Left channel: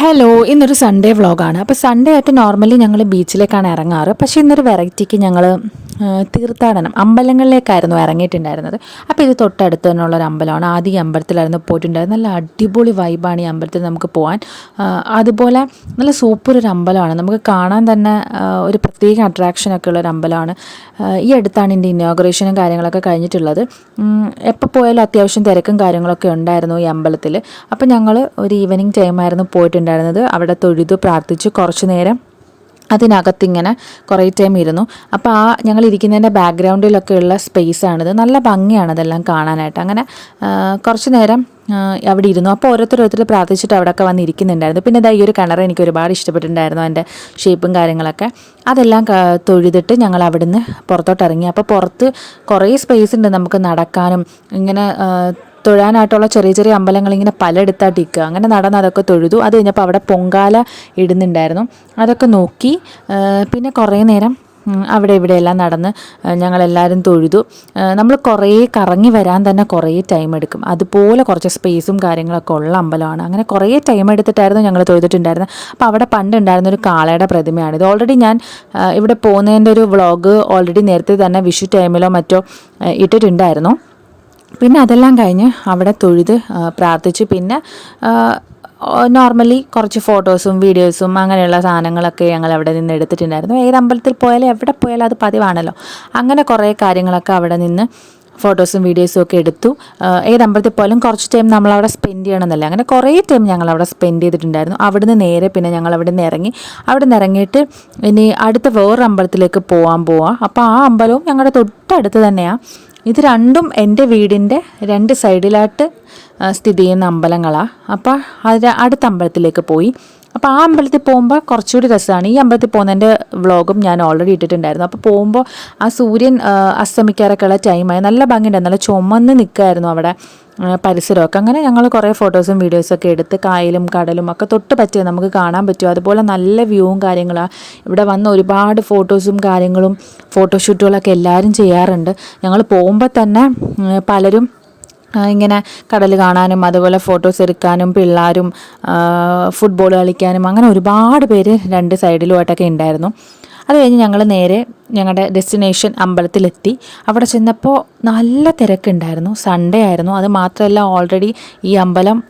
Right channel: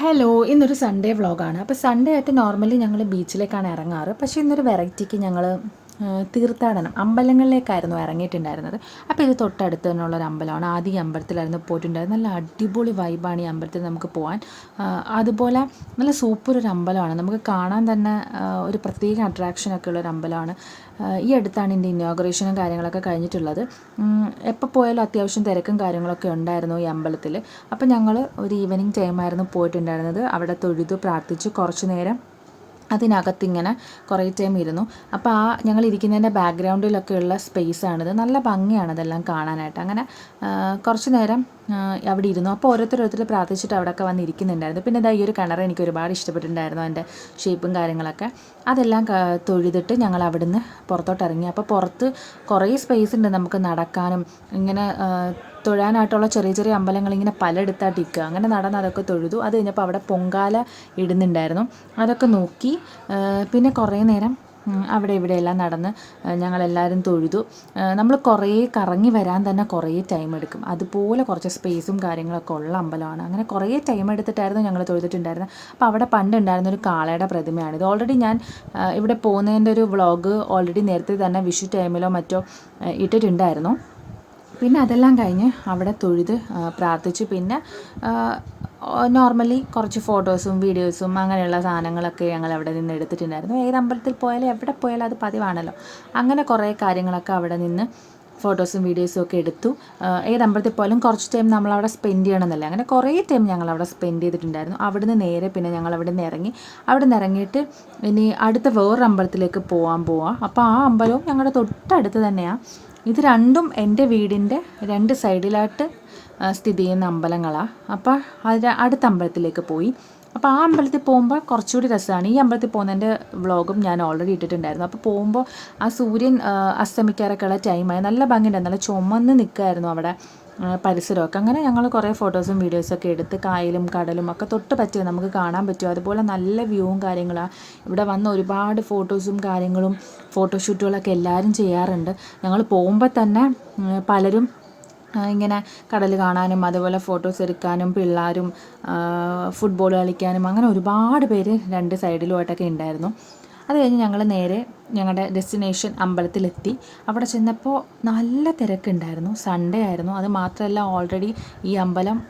Hello, ഇന്നൊരു Sunday വ്ളോഗാണ്. അപ്പോൾ സൺഡേ ആയിട്ട് നോർമലി ഞങ്ങൾ ബീച്ചിലേക്കാണ് ഇറങ്ങാറ്. പക്ഷേ ഇന്നൊരു വെറൈറ്റിക്ക് ഞങ്ങൾ തീർത്ഥാടനം അമ്പലങ്ങളിലേക്കായിരുന്നു ഇറങ്ങിയിട്ടുണ്ടായിരുന്നത്. അപ്പോൾ ഇത് തൊട്ടടുത്ത് തന്നെയുള്ളൊരു അമ്പലമാണ്. ആദ്യം ഈ അമ്പലത്തിലായിരുന്നു പോയിട്ടുണ്ടായിരുന്നത്. നല്ല അടിപൊളി വൈബാണ് ഈ അമ്പലത്തിൽ നമുക്ക് പോകാൻ. അതുപോലെ നല്ല സൂപ്പർ ഒരു അമ്പലമാണ്. നമുക്ക് കാണാൻ തന്നെ ഒരു പ്രത്യേക അട്രാക്ഷനൊക്കെ ഉള്ളൊരു അമ്പലമാണ്. ഈ അടുത്താണ് ഇതിൻ്റെ ഇനോഗ്രേഷനും കാര്യങ്ങളൊക്കെ കഴിഞ്ഞിട്ടുള്ളത്. എപ്പോൾ പോയാലും അത്യാവശ്യം തിരക്കും കാര്യങ്ങളൊക്കെ ഉണ്ടായിരുന്നു ഈ അമ്പലത്തിൽ. അപ്പോൾ ഞങ്ങൾ ഒരു ഈവനിങ് ടൈമായിരുന്നു പോയിട്ടുണ്ടായിരുന്നത്. അവിടെ തൊഴുതു പ്രാർത്ഥിച്ചു കുറച്ച് നേരം അതിനകത്തിങ്ങനെ കുറേ ടൈം ഇരുന്നു. അപ്പോൾ ഞങ്ങൾ ഇരിക്കുന്നതിൻ്റെ ബാക്ക്ഗ്രൗണ്ടിലൊക്കെയുള്ള സ്പേസാണിത്. നല്ല ഭംഗിയാണ് അതെല്ലാം കാണാനായിട്ട്. അങ്ങനെ കുറച്ച് നേരം അവിടെ ഇരുന്നു. അപ്പോൾ ഓരോരുത്തർ പ്രാർത്ഥിച്ചിട്ട് അവിടെയൊക്കെ വന്നിരിക്കുന്നുണ്ടായിരുന്നു. പിന്നെ ഇതാ ഈ ഒരു കിണർ എനിക്ക് ഒരുപാട് ഇഷ്ടപ്പെട്ടിട്ടുണ്ടായിരുന്നു, അതിൻ്റെ ഷേപ്പും കാര്യങ്ങളൊക്കെ. അതെല്ലാം തൊഴുതിട്ട് ഞങ്ങൾ അവിടുന്ന് പുറത്തോട്ട് ഇറങ്ങി. അപ്പോൾ പുറത്ത് കുറേ സ്പേസ് ഉണ്ട് നമുക്ക് നടക്കാനും ഇങ്ങനെ തൊഴാനായിട്ടുള്ള ചെറിയ ചെറിയ അമ്പലങ്ങൾ ഇങ്ങനെ പലയിടത്തായിട്ട് ഇരിക്കുക. അങ്ങനെ നടന്ന് അതൊക്കെ തൊഴുതു. അത് കഴിഞ്ഞപ്പോൾ അവിടെ പൊങ്കാല ഇടുന്നുണ്ടായിരുന്നു, അതൊക്കെ നോക്കി. പിന്നെ കുറേ നേരം അവിടെ ഇവിടെയെല്ലാം നടന്ന് ഞങ്ങളെല്ലാവരും തൊഴുതു. നമ്മൾ കുറേ കറങ്ങി വരാൻ തന്നെ കുറേ ടൈം എടുക്കും. അതുപോലെ കുറച്ച് സ്പേസും കാര്യങ്ങളൊക്കെ ഉള്ള അമ്പലമാണ്. അങ്ങനെ കുറേ ടൈം എടുത്തിട്ടായിരുന്നു ഞങ്ങൾ തൊഴുതിട്ടുണ്ടായിരുന്നത്. അപ്പോൾ അവിടെ പണ്ടുണ്ടായിരുന്ന ഒരു കാളയുടെ പ്രതിമയാണ്. ഇത് ഓൾറെഡി ഞാൻ ഇവിടെ പോകുന്നതിൻ്റെ ഒരു വ്ളോഗ് ഓൾറെഡി നേരത്തെ തന്നെ വിഷു ടൈമിലോ മറ്റോ ഇട്ടിട്ടുണ്ടായിരുന്നു. പിന്നെ അതെല്ലാം കഴിഞ്ഞ് അവിടെ തൊഴുത് പ്രാർത്ഥിച്ചു. പിന്നെ നോർമലി കുറച്ച് ഫോട്ടോസും വീഡിയോസും അങ്ങനെയുള്ള സാധനങ്ങളൊക്കെ ഞങ്ങൾ അവിടെ നിന്ന് എടുത്തിട്ടുണ്ടായിരുന്നു. ഏത് അമ്പലത്തിൽ പോയാലും എവിടെ പോയാലും അത് പതിവാണല്ലോ. അങ്ങനെ കുറേ കാര്യങ്ങളൊക്കെ അവിടെ നിന്ന് ഫോട്ടോസും വീഡിയോസും ഒക്കെ എടുത്തു. ഏത് അമ്പലത്തിൽ പോയാലും കുറച്ച് ടൈം നമ്മളവിടെ സ്പെൻഡ് ചെയ്യണമെന്നല്ല, അങ്ങനെ കുറേ ടൈം ഞങ്ങളവിടെ സ്പെൻഡ് ചെയ്തിട്ടുണ്ടായിരുന്നു. അവിടുന്ന് നേരെ പിന്നെ ഞങ്ങൾ അവിടെ നിന്ന് ഇറങ്ങി. അവിടെ നിന്ന് ഇറങ്ങിയിട്ട് ഇനി അടുത്ത വേറൊരു അമ്പലത്തിലേക്ക് പോവാം. അപ്പോൾ ആ അമ്പലവും ഞങ്ങളുടെ തൊട്ടടുത്ത് തന്നെയാണ്. ഇത് രണ്ടും എൻ്റെ വീടിൻ്റെ രണ്ട് സൈഡിലായിട്ട് സ്ഥിതി ചെയ്യുന്ന അമ്പലങ്ങളാണ്. അപ്പോൾ അടുത്ത അമ്പലത്തിലേക്ക് പോയി. അപ്പോൾ ആ അമ്പലത്തിൽ പോകുമ്പോൾ കുറച്ചുകൂടി രസമാണ്. ഈ അമ്പലത്തിൽ പോകുന്നതിൻ്റെ വ്ളോഗും ഞാൻ ഓൾറെഡി ഇട്ടിട്ടുണ്ടായിരുന്നു. അപ്പോൾ പോകുമ്പോൾ ആ സൂര്യൻ അസ്തമിക്കാറൊക്കെ ഉള്ള ടൈമായി. നല്ല ഭംഗിയുണ്ടായിരുന്നു. നല്ല ചുമന്ന് നിൽക്കുമായിരുന്നു അവിടെ പരിസരമൊക്കെ. അങ്ങനെ ഞങ്ങൾ കുറേ ഫോട്ടോസും വീഡിയോസൊക്കെ എടുത്ത് കായലും കടലും ഒക്കെ തൊട്ട് പറ്റിയ നമുക്ക് കാണാൻ പറ്റും. അതുപോലെ നല്ല വ്യൂവും കാര്യങ്ങളാണ്. ഇവിടെ വന്ന് ഒരുപാട് ഫോട്ടോസും കാര്യങ്ങളും ഫോട്ടോഷൂട്ടുകളൊക്കെ എല്ലാവരും ചെയ്യാറുണ്ട്. ഞങ്ങൾ പോകുമ്പോൾ തന്നെ പലരും ഇങ്ങനെ കടൽ കാണാനും അതുപോലെ ഫോട്ടോസ് എടുക്കാനും പിള്ളേരും ഫുട്ബോൾ കളിക്കാനും അങ്ങനെ ഒരുപാട് പേര് രണ്ട് സൈഡിലുമായിട്ടൊക്കെ ഉണ്ടായിരുന്നു. അത് കഴിഞ്ഞ് ഞങ്ങൾ നേരെ ഞങ്ങളുടെ ഡെസ്റ്റിനേഷൻ അമ്പലത്തിലെത്തി. അവിടെ ചെന്നപ്പോൾ നല്ല തിരക്കുണ്ടായിരുന്നു. സൺഡേ ആയിരുന്നു. അത് മാത്രമല്ല ഓൾറെഡി ഈ അമ്പലം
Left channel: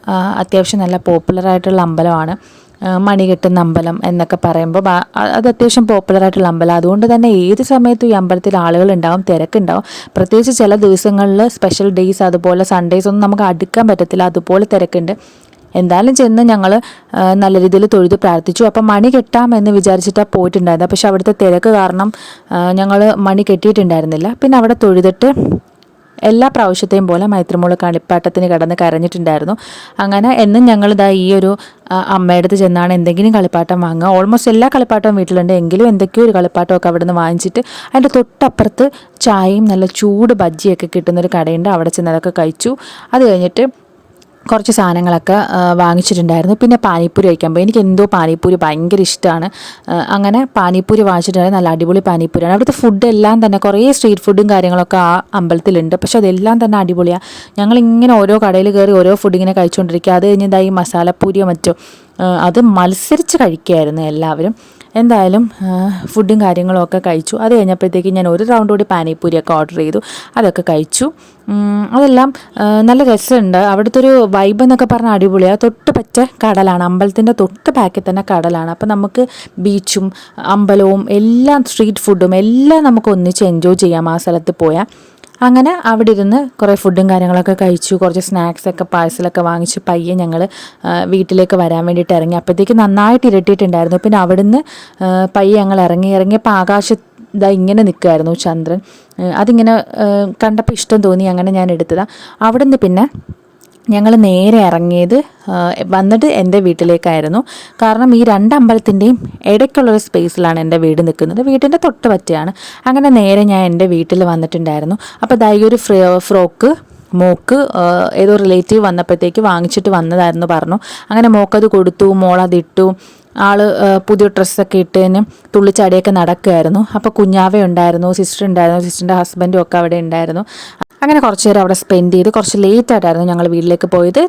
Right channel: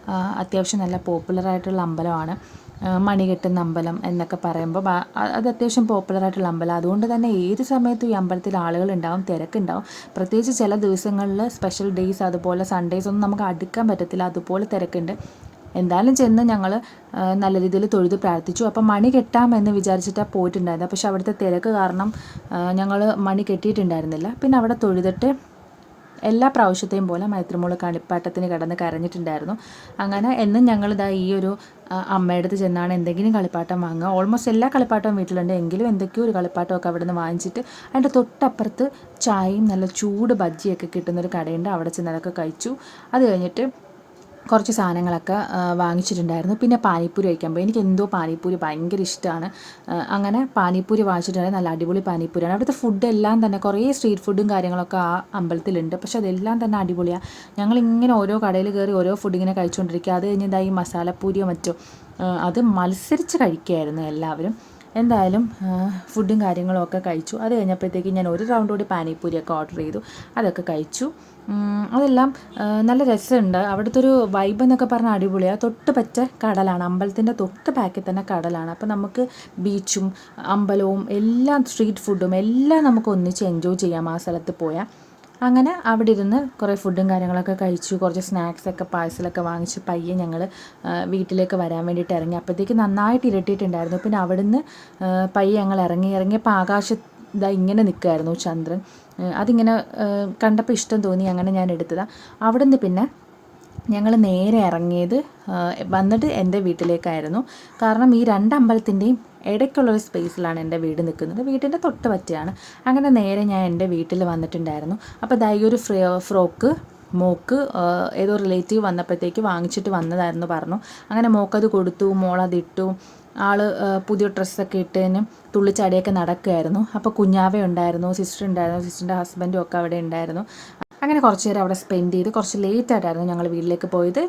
അത്യാവശ്യം നല്ല പോപ്പുലറായിട്ടുള്ള അമ്പലമാണ്. മണി കെട്ടുന്ന അമ്പലം എന്നൊക്കെ പറയുമ്പോൾ അത് അത്യാവശ്യം പോപ്പുലറായിട്ടുള്ള അമ്പലം. അതുകൊണ്ട് തന്നെ ഏത് സമയത്തും ഈ അമ്പലത്തിൽ ആളുകളുണ്ടാവും, തിരക്കുണ്ടാവും. പ്രത്യേകിച്ച് ചില ദിവസങ്ങളിൽ സ്പെഷ്യൽ ഡേയ്സ് അതുപോലെ സൺഡേയ്സ് ഒന്നും നമുക്ക് അടുക്കാൻ പറ്റത്തില്ല, അതുപോലെ തിരക്കുണ്ട്. എന്തായാലും ചെന്ന് ഞങ്ങൾ നല്ല രീതിയിൽ തൊഴുത് പ്രാർത്ഥിച്ചു. അപ്പം മണി കെട്ടാമെന്ന് വിചാരിച്ചിട്ടാണ് പോയിട്ടുണ്ടായിരുന്നത്. പക്ഷെ അവിടുത്തെ തിരക്ക് കാരണം ഞങ്ങൾ മണി കെട്ടിയിട്ടുണ്ടായിരുന്നില്ല. പിന്നെ അവിടെ തൊഴുതിട്ട് എല്ലാ പ്രാവശ്യത്തെയും പോലെ മൈത്രിമോള് കളിപ്പാട്ടത്തിന് കിടന്ന് കരഞ്ഞിട്ടുണ്ടായിരുന്നു. അങ്ങനെ എന്നും ഞങ്ങളിതാ ഈ ഒരു അമ്മയുടെ അടുത്ത് ചെന്നാണ് എന്തെങ്കിലും കളിപ്പാട്ടം വാങ്ങുക. ഓൾമോസ്റ്റ് എല്ലാ കളിപ്പാട്ടവും വീട്ടിലുണ്ട്, എങ്കിലും എന്തൊക്കെയോ ഒരു കളിപ്പാട്ടമൊക്കെ അവിടെ നിന്ന് വാങ്ങിച്ചിട്ട് അതിൻ്റെ തൊട്ടപ്പുറത്ത് ചായയും നല്ല ചൂട് ബജ്ജിയൊക്കെ കിട്ടുന്നൊരു കടയുണ്ട്. അവിടെ ചെന്ന് അതൊക്കെ കഴിച്ചു. അത് കഴിഞ്ഞിട്ട് കുറച്ച് സാധനങ്ങളൊക്കെ വാങ്ങിച്ചിട്ടുണ്ടായിരുന്നു. പിന്നെ പാനിപ്പൂരി കഴിക്കാൻ പോയി. എനിക്ക് എന്തോ പാനിപ്പൂരി ഭയങ്കര ഇഷ്ടമാണ്. അങ്ങനെ പാനിപ്പൂരി വാങ്ങിച്ചിട്ടുണ്ടായിരുന്നു. നല്ല അടിപൊളി പാനിപ്പൂരിയാണ്. അവിടുത്തെ ഫുഡെല്ലാം തന്നെ കുറേ സ്ട്രീറ്റ് ഫുഡും കാര്യങ്ങളൊക്കെ ആ അമ്പലത്തിലുണ്ട്. പക്ഷെ അതെല്ലാം തന്നെ അടിപൊളിയാണ്. ഞങ്ങളിങ്ങനെ ഓരോ കടയിൽ കയറി ഓരോ ഫുഡ് ഇങ്ങനെ കഴിച്ചുകൊണ്ടിരിക്കുക. അത് കഴിഞ്ഞതായി മസാലപ്പൂരിയോ മറ്റോ അത് മത്സരിച്ച് കഴിക്കുകയായിരുന്നു എല്ലാവരും. എന്തായാലും ഫുഡും കാര്യങ്ങളും ഒക്കെ കഴിച്ചു. അത് കഴിഞ്ഞപ്പോഴത്തേക്ക് ഞാൻ ഒരു റൗണ്ട് കൂടി പാനിപ്പൂരിയൊക്കെ ഓർഡർ ചെയ്തു. അതൊക്കെ കഴിച്ചു. അതെല്ലാം നല്ല രസമുണ്ട്. അവിടുത്തെ ഒരു വൈബ് എന്നൊക്കെ പറഞ്ഞാൽ അടിപൊളിയാണ്. തൊട്ട് പറ്റ കടലാണ്, അമ്പലത്തിൻ്റെ തൊട്ട് ബാക്കിൽ തന്നെ കടലാണ്. അപ്പോൾ നമുക്ക് ബീച്ചും അമ്പലവും എല്ലാം സ്ട്രീറ്റ് ഫുഡും എല്ലാം നമുക്ക് ഒന്നിച്ച് എൻജോയ് ചെയ്യാം ആ സ്ഥലത്ത് പോയാൽ. അങ്ങനെ അവിടെ ഇരുന്ന് കുറേ ഫുഡും കാര്യങ്ങളൊക്കെ കഴിച്ചു. കുറച്ച് സ്നാക്സൊക്കെ പാഴ്സലൊക്കെ വാങ്ങിച്ച് പയ്യെ ഞങ്ങൾ വീട്ടിലേക്ക് വരാൻ വേണ്ടിയിട്ട് ഇറങ്ങി. അപ്പോഴത്തേക്ക് നന്നായിട്ട് ഇരട്ടിയിട്ടുണ്ടായിരുന്നു. പിന്നെ അവിടുന്ന് പയ്യെ ഞങ്ങൾ ഇറങ്ങിയപ്പോൾ ആകാശത്ത് ഇതാ ഇങ്ങനെ നിൽക്കുമായിരുന്നു ചന്ദ്രൻ. അതിങ്ങനെ കണ്ടപ്പോൾ ഇഷ്ടം തോന്നി, അങ്ങനെ ഞാൻ എടുത്തതാണ്. അവിടുന്ന് പിന്നെ ഞങ്ങൾ നേരെ ഇറങ്ങിയത് വന്നിട്ട് എൻ്റെ വീട്ടിലേക്കായിരുന്നു. കാരണം ഈ രണ്ട് അമ്പലത്തിൻ്റെയും ഇടയ്ക്കുള്ളൊരു സ്പേസിലാണ് എൻ്റെ വീട് നിൽക്കുന്നത്. വീട്ടിൻ്റെ തൊട്ട് പറ്റിയാണ്. അങ്ങനെ നേരെ ഞാൻ എൻ്റെ വീട്ടിൽ വന്നിട്ടുണ്ടായിരുന്നു. അപ്പോൾ ദാ ഈ ഒരു ഫ്രോക്ക് മോക്ക് ഏതോ റിലേറ്റീവ് വന്നപ്പോഴത്തേക്ക് വാങ്ങിച്ചിട്ട് വന്നതായിരുന്നു പറഞ്ഞു. അങ്ങനെ മോക്കത് കൊടുത്തു. മോളതിട്ടു. ആൾ പുതിയ ഡ്രസ്സൊക്കെ ഇട്ടതിന് തുള്ളിച്ചാടിയൊക്കെ നടക്കുമായിരുന്നു. അപ്പോൾ കുഞ്ഞാവ ഉണ്ടായിരുന്നു, സിസ്റ്റർ ഉണ്ടായിരുന്നു, സിസ്റ്ററിൻ്റെ ഹസ്ബൻഡും ഒക്കെ അവിടെ ഉണ്ടായിരുന്നു. അങ്ങനെ കുറച്ച് നേരം അവിടെ സ്പെൻഡ് ചെയ്ത് കുറച്ച് ലേറ്റായിട്ടായിരുന്നു ഞങ്ങൾ വീട്ടിലേക്ക് പോയത്.